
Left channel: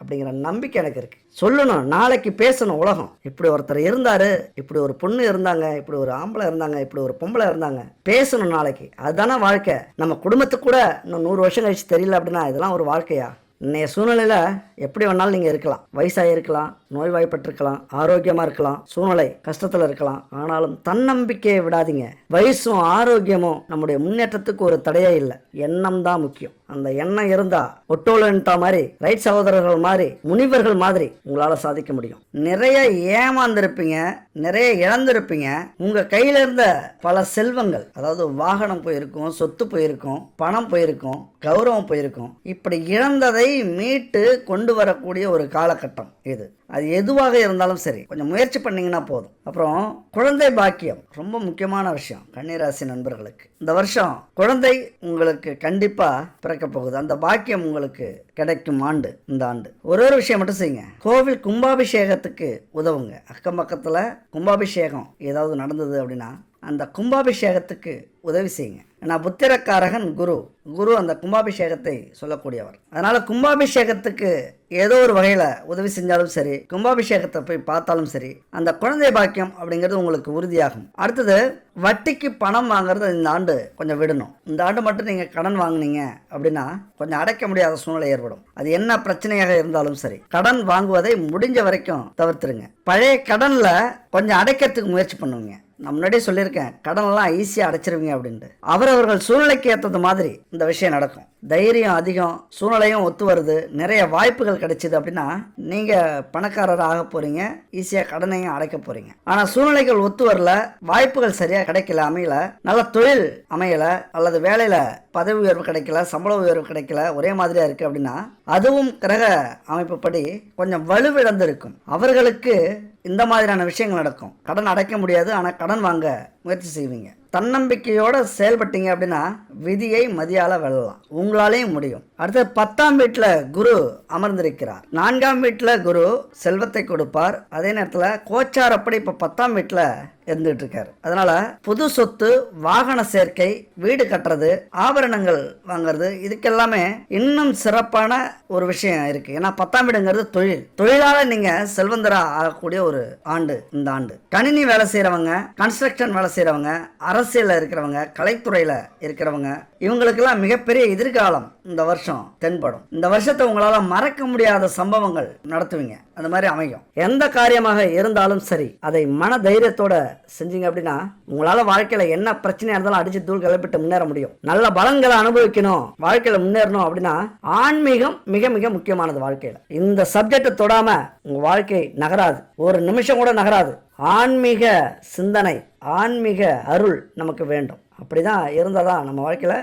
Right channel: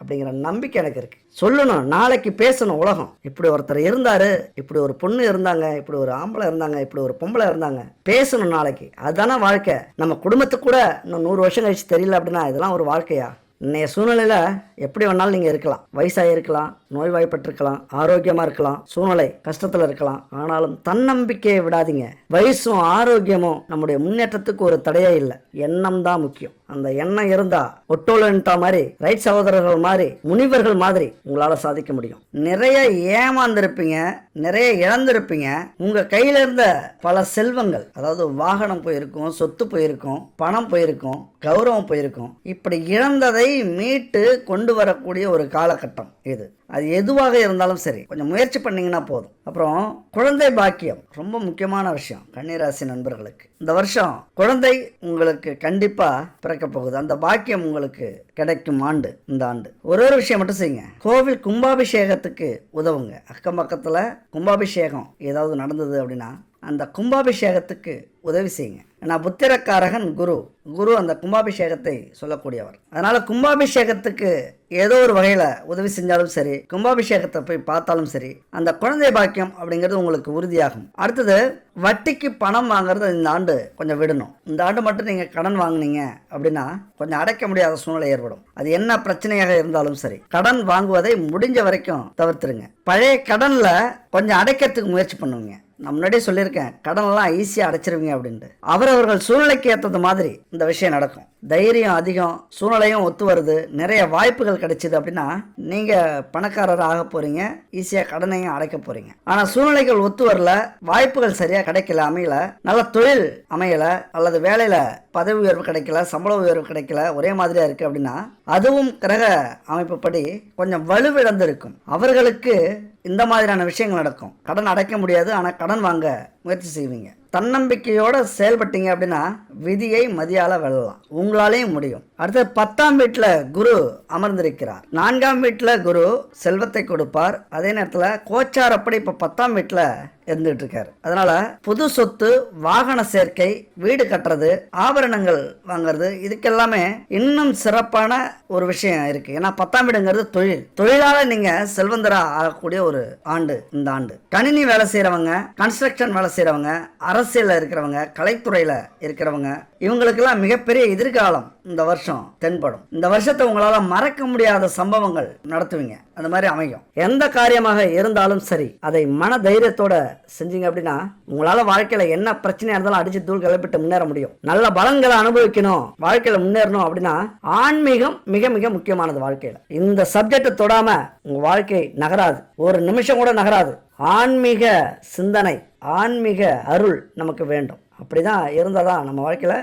அப்படிங்கிற நம்பிக்கை எனக்கு இருக்குது சொல்லணும் நாளைக்கு பேசணும் உலகம் இப்படி ஒருத்தர் இருந்தார் இப்படி ஒரு பொண்ணு இருந்தாங்க இப்படி ஒரு ஆம்பளை இருந்தாங்க இப்படி ஒரு பொம்பளை இருந்தாங்க பேசணும் நாளைக்கு அதுதானே வாழ்க்கை நம்ம குடும்பத்துக்கு கூட இன்னும் நூறு வருஷம் கழிச்சு தெரியல அப்படின்னா இதெல்லாம் ஒரு வாழ்க்கையா இன்றைய சூழ்நிலையில் எப்படி வேணாலும் நீங்கள் இருக்கலாம் வயசாக இருக்கலாம் நோய்வாய்ப்பட்டிருக்கலாம் ஆரோக்கியமாக இருக்கலாம் சூழ்நிலை கஷ்டத்தில் இருக்கலாம் ஆனாலும் தன்னம்பிக்கையை விடாதீங்க வயசும் ஆரோக்கியமும் நம்முடைய முன்னேற்றத்துக்கு ஒரு தடையே இல்லை எண்ணம் தான் முக்கியம் அந்த எண்ணம் இருந்தா ஒட்டோலன்ட்டா மாதிரி ரைட் சகோதரர்கள் மாதிரி முனிவர்கள் மாதிரி உங்களால் சாதிக்க முடியும் நிறைய ஏமாந்திருப்பீங்க நிறைய இழந்திருப்பீங்க உங்க கையில இருந்த பல செல்வங்கள் அதாவது வாகனம் போயிருக்கும் சொத்து போயிருக்கும் பணம் போயிருக்கும் கௌரவம் போயிருக்கும் இப்படி இழந்ததை மீட்டு கொண்டு வரக்கூடிய ஒரு காலகட்டம் இது அது எதுவாக இருந்தாலும் சரி கொஞ்சம் முயற்சி பண்ணிங்கன்னா போதும் அப்புறம் குழந்தை பாக்கியம் ரொம்ப முக்கியமான விஷயம் கன்னிராசி நண்பர்களுக்கு இந்த வருஷம் குழந்தை உங்களுக்கு கண்டிப்பாக பிறக்க போகுது அந்த பாக்கியம் உங்களுக்கு கிடைக்கும் ஆண்டு இந்த ஆண்டு ஒரு ஒரு விஷயம் மட்டும் செய்யுங்க கோவில் கும்பாபிஷேகத்துக்கு உதவுங்க அக்கம் பக்கத்தில் கும்பாபிஷேகம் ஏதாவது நடந்தது அப்படின்னா அந்த கும்பாபிஷேகத்துக்கு உதவி செய்யுங்க ஏன்னா புத்திரக்காரகன் குரு குரு அந்த கும்பாபிஷேகத்தை சொல்லக்கூடியவர் அதனால் கும்பாபிஷேகத்துக்கு ஏதோ ஒரு வகையில் உதவி செஞ்சாலும் சரி கும்பாபிஷேகத்தை போய் பார்த்தாலும் சரி அந்த குழந்தை பாக்கியம் அப்படிங்கிறது உங்களுக்கு உறுதியாகும் அடுத்தது வட்டிக்கு பணம் வாங்குறது இந்த ஆண்டு கொஞ்சம் விடணும் இந்த ஆண்டு மட்டும் நீங்கள் கடன் வாங்கினீங்க அப்படின்னா கொஞ்சம் அடைக்க முடியாத சூழ்நிலை ஏற்படும் தேவைப்படும் அது என்ன பிரச்சனையாக இருந்தாலும் சரி கடன் வாங்குவதை முடிஞ்ச வரைக்கும் தவிர்த்துருங்க பழைய கடனில் கொஞ்சம் அடைக்கிறதுக்கு முயற்சி பண்ணுவீங்க நான் முன்னாடியே சொல்லியிருக்கேன் கடன்லாம் ஈஸியாக அடைச்சிருவீங்க அப்படின்ட்டு அவரவர்கள் சூழ்நிலைக்கு ஏற்றது மாதிரி இந்த விஷயம் நடக்கும் தைரியம் அதிகம் சூழ்நிலையும் ஒத்து வருது நிறைய வாய்ப்புகள் கிடைச்சிது அப்படின்னா நீங்கள் பணக்காரர் ஆக போகிறீங்க ஈஸியாக கடனையும் அடைக்க போகிறீங்க ஆனால் சூழ்நிலைகள் ஒத்து வரல வாய்ப்புகள் சரியாக கிடைக்கல அமையல நல்ல தொழில் அமையலை அல்லது வேலையில் பதவி உயர்வு கிடைக்கல சம்பள உயர்வு கிடைக்கல ஒரே மாதிரியாக இருக்குது அப்படின்னா அதுவும் கிரக அமைப்புப்படி கொஞ்சம் வலுவிழந்திருக்கும் அவர்களுக்கு இந்த மாதிரியான விஷயங்கள் நடக்கும் கடன் அடைக்க முடியாது ஆனால் கடன் வாங்க முயற்சி செய்வீங்க தன்னம்பிக்கையோடு செயல்பட்டீங்க அப்படின்னா விதியை மதியால வெல்லலாம் உங்களாலேயும் முடியும் அடுத்து பத்தாம் வீட்டில் குரு அமர்ந்திருக்கிறார் நான்காம் வீட்டில் குரு செல்வத்தை கொடுப்பார் அதே நேரத்தில் கோச்சார் அப்படி இப்போ பத்தாம் வீட்டில் இருந்துட்டு இருக்காரு அதனால புது சொத்து வாகன சேர்க்கை வீடு கட்டுறது ஆபரணங்கள் வாங்குறது இதுக்கெல்லாமே இன்னும் சிறப்பான ஒரு விஷயம் இருக்கு ஏன்னா பத்தாம் வீடுங்கிறது தொழில் தொழிலால நீங்க செல்வந்தரம் ஆகக்கூடிய ஒரு ஆண்டு இந்த ஆண்டு கணினி வேலை செய்யறவங்க கன்ஸ்ட்ரக்ஷன் வேலை செய்யறவங்க அரசியல் இருக்கிறவங்க கலைத்துறையில இருக்கிறவங்க இவங்களுக்கெல்லாம் மிகப்பெரிய எதிர்காலம் இந்த வருஷம் தென்படும் இந்த வருஷத்தை உங்களால் மறக்க முடியாத சம்பவங்கள் நடத்துவீங்க அந்த மாதிரி அமையும் எந்த காரியமாக இருந்தாலும் சரி அதை மன தைரியத்தோட செஞ்சீங்க அப்படின்னா உங்களால் வாழ்க்கையில் என்ன பிரச்சனையாக இருந்தாலும் அடிச்சு தூள் கிளப்பிட்டு முன்னேற முடியும் நல்ல பலன்களை அனுபவிக்கணும் வாழ்க்கையில் முன்னேறணும் அப்படின்னா ஆன்மீகம் மிக மிக முக்கியமானது வாழ்க்கையில் இந்த சப்ஜெக்டை தொடாமல் உங்கள் வாழ்க்கை நகராது ஒரு நிமிஷம் கூட நகராது ஆன்மீக சிந்தனை ஆன்மீக அருள் நமக்கு வேண்டும் அப்படி தான் இருந்தால் தான் நம்ம வாழ்க்கையில்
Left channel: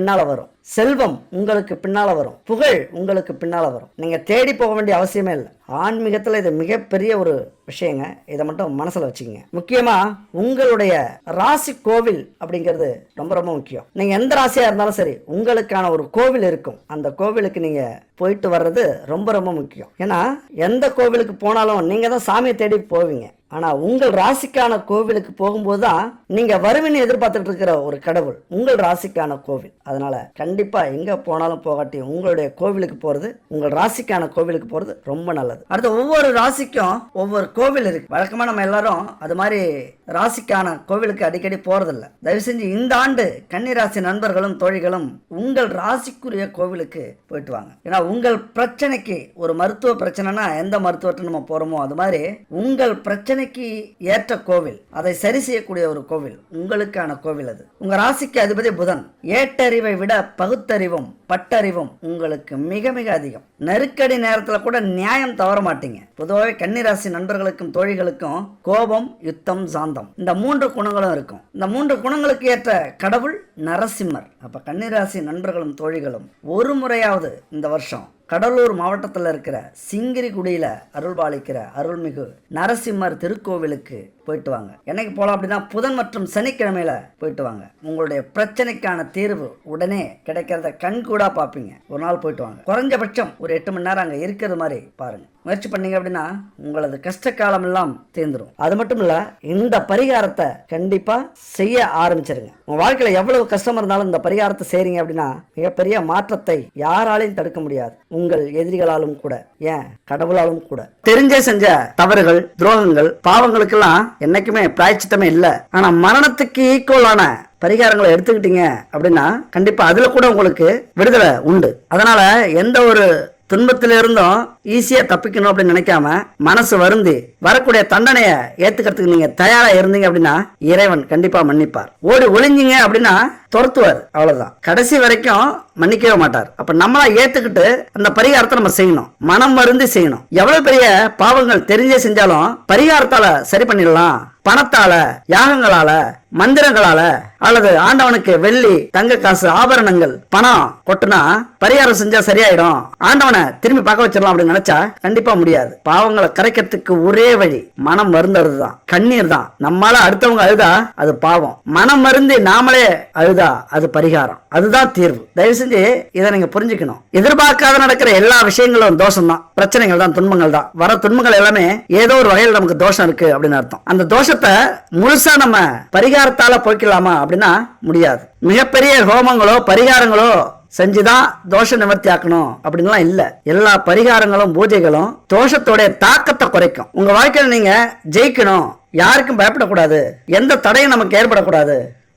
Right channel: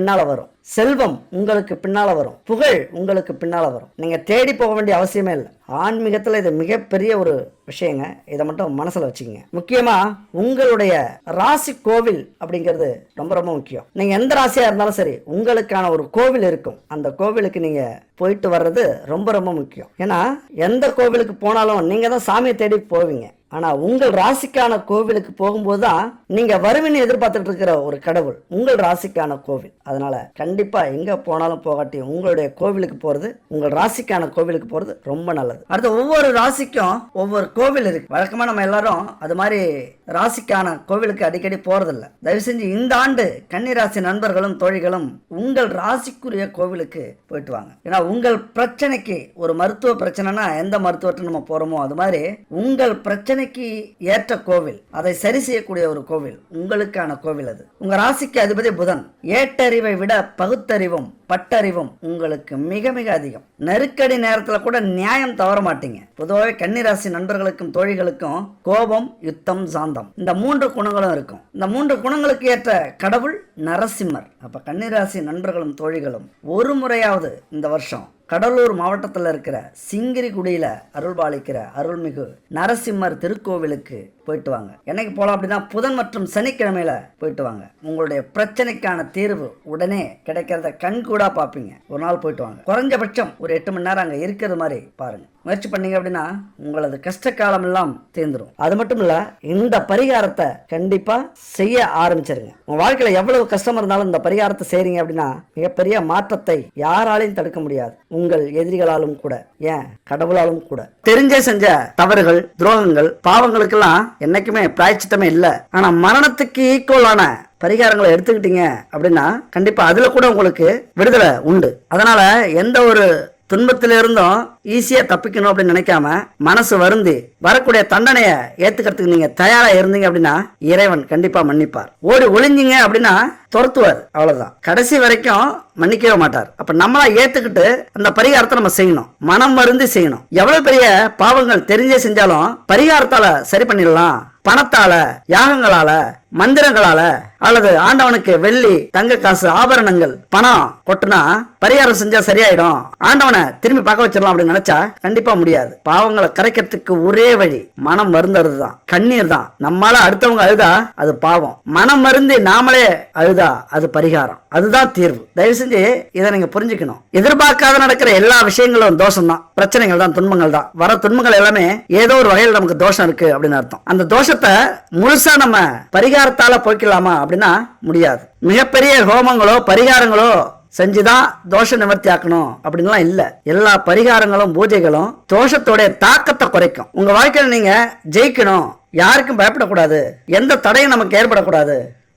பின்னால வரும் செல்வம் உங்களுக்கு பின்னால வரும் புகழ் உங்களுக்கு பின்னால வரும் நீங்க தேடி போக வேண்டிய அவசியமே இல்லை ஆன்மீகத்தில் இது மிகப்பெரிய ஒரு விஷயங்க இதை மட்டும் மனசில் வச்சுக்கோங்க முக்கியமாக உங்களுடைய ராசி கோவில் அப்படிங்கிறது ரொம்ப ரொம்ப முக்கியம் நீங்கள் எந்த ராசியாக இருந்தாலும் சரி உங்களுக்கான ஒரு கோவில் இருக்கும் அந்த கோவிலுக்கு நீங்கள் போயிட்டு வர்றது ரொம்ப ரொம்ப முக்கியம் ஏன்னா எந்த கோவிலுக்கு போனாலும் நீங்கள் தான் சாமியை தேடி போவீங்க ஆனா உங்கள் ராசிக்கான கோவிலுக்கு போகும்போது தான் நீங்க வருவின்னு எதிர்பார்த்துட்டு இருக்கிற ஒரு கடவுள் உங்கள் ராசிக்கான கோவில் அதனால கண்டிப்பா எங்க போனாலும் போகாட்டி உங்களுடைய கோவிலுக்கு போறது உங்கள் ராசிக்கான கோவிலுக்கு போறது ரொம்ப நல்லது அடுத்து ஒவ்வொரு ராசிக்கும் ஒவ்வொரு கோவில் இருக்கு வழக்கமா நம்ம எல்லாரும் அது மாதிரி ராசிக்கான கோவிலுக்கு அடிக்கடி போகிறதில்ல தயவு செஞ்சு இந்த ஆண்டு ராசி நண்பர்களும் தோழிகளும் உங்கள் ராசிக்குரிய கோவிலுக்கு போயிட்டு வாங்க ஏன்னா உங்கள் பிரச்சனைக்கு ஒரு மருத்துவ பிரச்சனைனா எந்த மருத்துவத்தை நம்ம போறோமோ அது மாதிரி உங்கள் பிரச்சனை பதவிக்கு ஏற்ற கோவில் அதை சரி செய்யக்கூடிய ஒரு கோவில் உங்களுக்கான கோவில் அது உங்க ராசிக்கு அதிபதி புதன் ஏட்டறிவை விட பகுத்தறிவும் பட்டறிவும் உங்களுக்கு மிக மிக அதிகம் நெருக்கடி நேரத்தில் கூட நியாயம் தவற மாட்டீங்க பொதுவாக கன்னிராசி நண்பர்களுக்கும் தோழிகளுக்கும் கோபம் யுத்தம் சாந்தம் இந்த மூன்று குணங்களும் இருக்கும் இந்த மூன்று குணங்களுக்கு ஏற்ற கடவுள் நரசிம்மர் அப்ப கன்னிராசி நண்பர்களும் தோழிகளும் ஒரு முறையாவது இந்த வருஷம் கடலூர் மாவட்டத்தில் இருக்கிற சிங்கிரிகுடியில் அருள் பாலிக்கிற அருள்மிகு நரசிம்மர் திருக்கோவிலுக்கு போயிட்டு வாங்க என்னைக்கு போகலாம் அப்படின்னா புதன் மற்றும் சனிக்கிழமையில போயிட்டு வாங்க உங்களுடைய பிரச்சனைக்கான தீர்வு உடனே கிடைக்கிறத கூட பார்ப்பீங்க ஒரு நாள் போயிட்டு வாங்க குறைஞ்சபட்சம் ஒரு எட்டு மணி நேரம் அங்கே இருக்கிறது மாதிரி பாருங்கள் முயற்சி பண்ணீங்க அப்படின்னா உங்களது கஷ்ட காலம் எல்லாம் தேர்ந்துடும் அது மட்டும் இல்ல இந்த பரிகாரத்தை கண்டிப்பா செய்ய ஆரம்பிச்சிருங்க உங்க வாழ்க்கையில எவ்வளவு கஷ்டம் இருந்தாலும் இந்த பரிகாரத்தை செய்யறீங்க அப்படின்னா மிகப்பெரிய மாற்றத்தை யாராலையும் தடுக்க முடியாது உங்கள் எதிரிகளாலும் கூட ஏன் கடவுளாலும் கூட தெரிஞ்சே செஞ்ச தவறுகள் துரோகங்கள் பாவங்களுக்கெல்லாம் என்னைக்குமே பிராய்ச்சித்தமே இல்ல ஆனா மரணத்துக்கு ஈக்குவலான பரிகாரங்களை எடுத்துக்கிட்டீங்க அப்படின்னா கண்டிப்பா அதுல கூட உங்களுக்கு விடுதலை உண்டு அதனால எந்த ஒரு துன்பத்தில இருந்தும் ஈஸியா தப்பிக்கணும் அப்படின்னு நினைக்காம மனசு வருந்து வரக்கூடிய தண்டனைய ஏத்துக்கிறதுக்கு நீங்க தயாரா இருந்தீங்க அப்படின்னா இறைவன் கண்டிப்பா மன்னிப்பார் ஓடி ஒளிஞ்சீங்க அப்படின்னா துரத்துவார் அவ்வளவுதான் கடைசி வரைக்கும் மன்னிக்கவே மாட்டார் அப்ப நம்மளா ஏத்துக்கிட்டு அந்த பரிகாரத்தை நம்ம செய்யணும் மனம் மருந்து செய்யணும் எவ்வளவு பெரிய பாவங்கள் தெரிஞ்சே செஞ்சாலும் பரிகாரத்தால சரி பண்ணிடலாம் பணத்தால யாகங்களால மந்திரங்களால அல்லது ஆண்டவனுக்கு வெள்ளி தங்க காசு ஆபரணங்கள் பணம் கொட்டுனா பரிகாரம் செஞ்சா சரியாயிடும் ஆண்டவனை திரும்பி பார்க்க வச்சிடலாம் அப்படின்னு நினைச்சா கண்டிப்பா முடியாது பாவங்களை கரைக்கிறதுக்கு ஒரே வழி மனம் மருந்துறது தான் கண்ணீர் தான் நம்மளால அடுத்தவங்க அழுதா அது பாவம் மனம் மருந்து நாமளே அழுதா அது பரிகாரம் அதுதான் தீர்வு தயவு செஞ்சு தெரிஞ்சு இதை நீங்க புரிஞ்சுக்கணும் எதிர்பார்க்காத நடக்கிற எல்லா விஷயங்களும் தோஷம் தான் பிரச்சனைகள் தான் துன்பங்கள் தான் வர துன்பங்கள் எல்லாமே ஏதோ ஒரு வகையில் நமக்கு தோஷம் இருக்கு அப்படின்னு அர்த்தம் அந்த தோஷத்தை முழுசா நம்ம பரிகாரத்தால போய்க்கலாமா அப்படின்னா முடியாது மிகப்பெரிய ஹோமங்களோ பரிகாரங்களோ செஞ்சுதான் தோஷ நிவர்த்தி ஆக்கணும் அப்படின்லாம் இல்ல எல்லா பரிகாரங்களும் பூஜைகளும் தோஷத்தோடைய தாக்கத்தை குறைக்கும் உங்க வாழ்க்கையில நீங்க ஜெயிக்கணும் யாருக்கும் பயப்படக்கூடாது எந்த தடையும் நமக்கு ஏற்படக்கூடாது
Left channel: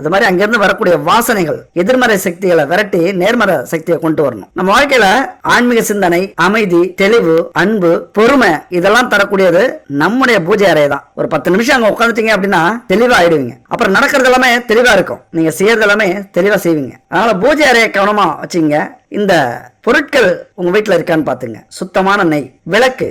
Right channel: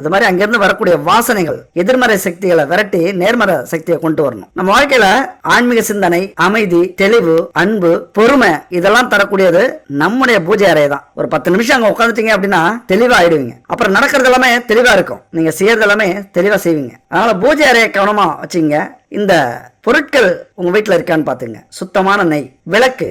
அந்த மாதிரி அங்கிருந்து வரக்கூடிய வாசனைகள் எதிர்மறை சக்திகளை விரட்டி நேர்மறை சக்தியை கொண்டு வரணும் நம்ம வாழ்க்கையில ஆன்மீக சிந்தனை அமைதி தெளிவு அன்பு பொறுமை இதெல்லாம் தரக்கூடியது நம்முடைய பூஜை அறை தான் ஒரு பத்து நிமிஷம் அங்க உட்காந்துட்டீங்க அப்படின்னா தெளிவா ஆயிடுவீங்க அப்புறம் நடக்கிறது எல்லாமே தெளிவா இருக்கும் நீங்க செய்யறது எல்லாமே தெளிவா செய்வீங்க அதனால பூஜை அறையை கவனமா வச்சுங்க இந்த பொருட்கள் உங்க வீட்டுல இருக்கான்னு பாத்துங்க சுத்தமான நெய் விளக்கு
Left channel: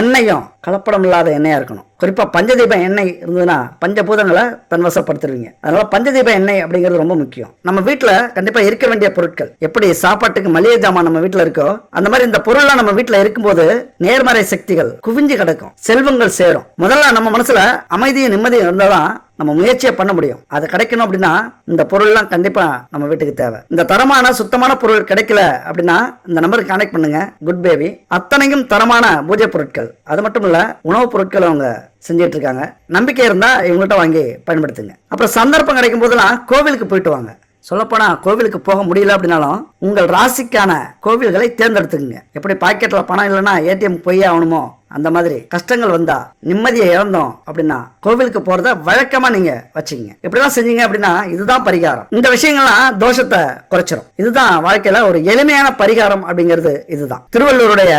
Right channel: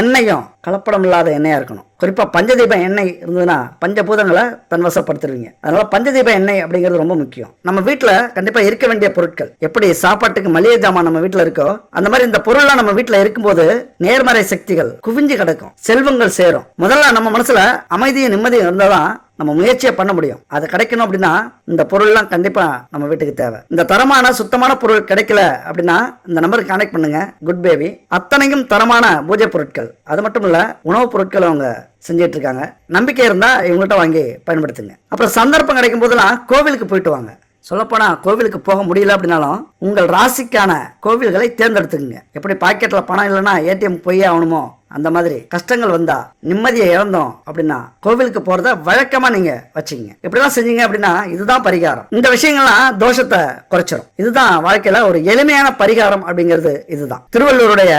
எண்ணெயும் கலப்படம் இல்லாத எண்ணெயாக இருக்கணும் குறிப்பாக பஞ்சதீப எண்ணெய் இருந்ததுன்னா பஞ்சபூதங்களை தன்வசப்படுத்துருவீங்க அதனால் பஞ்சதீப எண்ணெய் அப்படிங்கிறது ரொம்ப முக்கியம் நம்ம வீட்டில் கண்டிப்பாக இருக்க வேண்டிய பொருட்கள் எப்படி சாப்பாட்டுக்கு மளிகை ஜாமான் நம்ம வீட்டில் இருக்கோ அந்த மாதிரி இந்த பொருள்லாம் நம்ம வீட்டில் இருக்கும்போது நேர்மறை சக்திகள் குவிஞ்சு கிடக்கும் செல்வங்கள் சேரும் முதல்ல நம்ம மனசில் அமைதியும் நிம்மதியும் இருந்தால் நம்ம முயற்சியை பண்ண முடியும் அது கிடைக்கணும் அப்படின்னா இந்த பொருள்லாம் கண்டிப்பா நம்ம வீட்டுக்கு தேவை இந்த தரமான சுத்தமான பொருள் கிடைக்கல அப்படின்னா இந்த நம்பருக்கு கனெக்ட் பண்ணுங்க குட் பேபி அத்தனையும் தரமான பூஜை பொருட்கள் அது மட்டும் இல்ல உணவுப் பொருட்கள் அவங்க செஞ்சிட்டு இருக்காங்க நம்பிக்கை இருந்தா இவங்கள்ட்ட வாங்கி பயன்படுத்துங்க அப்புறம் சந்தர்ப்பம் கிடைக்கும் போதெல்லாம் கோவிலுக்கு போயிட்டு வாங்க சொல்லப்போனா கோவிலுக்கு போக முடியல அப்படின்னாலும் உங்கள் ராசிக்கான கோவில்களை தேர்ந்தெடுத்துக்கங்க எப்படி பாக்கெட்ல பணம் இல்லைன்னா ஏடிஎம் போய் ஆகணுமோ அந்த மாதிரி கஷ்டங்கள் வந்தா நிம்மதியை இழந்தோம் அப்படின்னா கோவிலுக்கு போறத வழக்கமா நீங்க வச்சுக்கீங்க எப்படிலாம் செஞ்சீங்க அப்படின்னா இதுதான் பரிகாரம் இந்த விஷயங்கள்லாம் தோஷத்தை குறைச்சிடும் இதுதான் வாழ்க்கையில ஒரு எளிமையான பரிகாரம் அப்படிங்கிறது இதுதான் திருவள்ளுவருடைய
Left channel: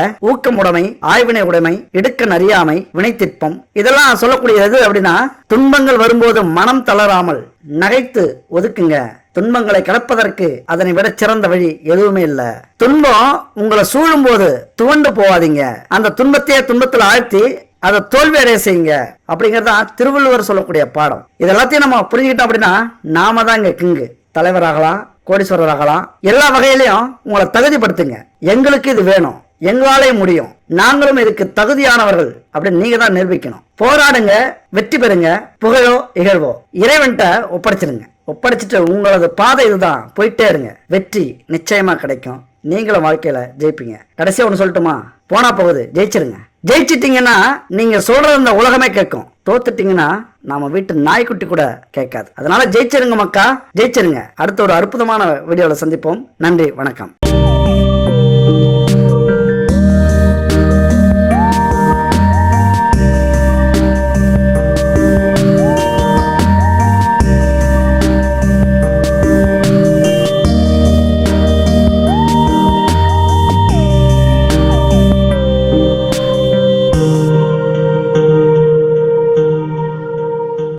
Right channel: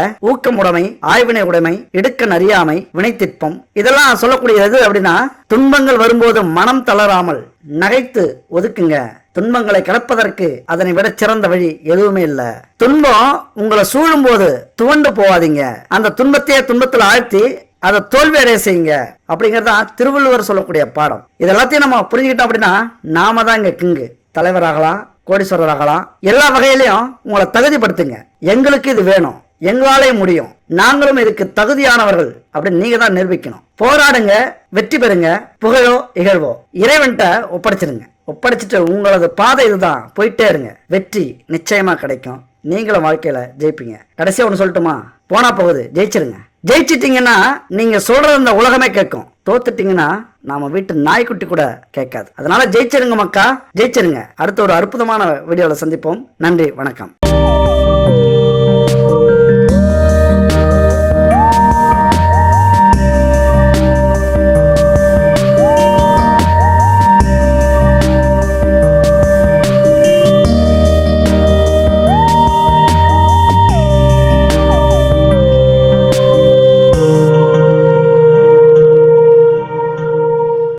உடைமை ஆய்வினை உடைமை இடுக்க அறியாமை வினைத்திற்பம் இதெல்லாம் சொல்லக்கூடியது அப்படின்னா துன்பங்கள் வரும்போது மனம் தளராமல் நகைத்து ஒதுக்குங்க துன்பங்களை கிளப்பதற்கு அதனை விட சிறந்த வழி எதுவுமே இல்லை துன்பம் உங்களை சூழும் போது துவண்டு போகாதீங்க அந்த துன்பத்தையே துன்பத்தில் ஆழ்த்தி அதை தோல்வி அடைய செய்யுங்க அப்படிங்கிறதா திருவள்ளுவர் சொல்லக்கூடிய பாடம் இதெல்லாத்தையும் நம்ம புரிஞ்சுக்கிட்டோம் அப்படின்னா நாம தான் இங்க கிங்கு தலைவராகலாம் கோடீஸ்வரராகலாம் எல்லா வகையிலையும் உங்களை தகுதிப்படுத்துங்க எங்களுக்கு இது வேணும் எங்களாலே முடியும் நாங்களும் இதுக்கு தகுதியானவர்கள் அப்படின்னு நீங்க தான் நிரூபிக்கணும் போராடுங்க வெற்றி பெறுங்க புகழும் இகழ்வோம் இறைவன்கிட்ட ஒப்படைச்சிருங்க ஒப்படைச்சிட்டு உங்களது பாதை இதுதான் போயிட்டே இருங்க வெற்றி நிச்சயமா கிடைக்கும் நீங்களும் வாழ்க்கையில ஜெயிப்பீங்க கடைசியா ஒண்ணு சொல்லட்டுமா போனா போகுது ஜெயிச்சிருங்க ஜெயிச்சிட்டீங்கன்னா நீங்க சொல்றது இந்த உலகமே கேட்கும் தோத்துட்டீங்கன்னா நாம வீட்டு நாய்க்குட்டி கூட கேட்காது அதனால ஜெயிச்சிருங்க மக்கா ஜெயிச்சிருங்க அடுத்த ஒரு அற்புதமான வீடியோல சந்திப்போம் நன்றி வணக்கம்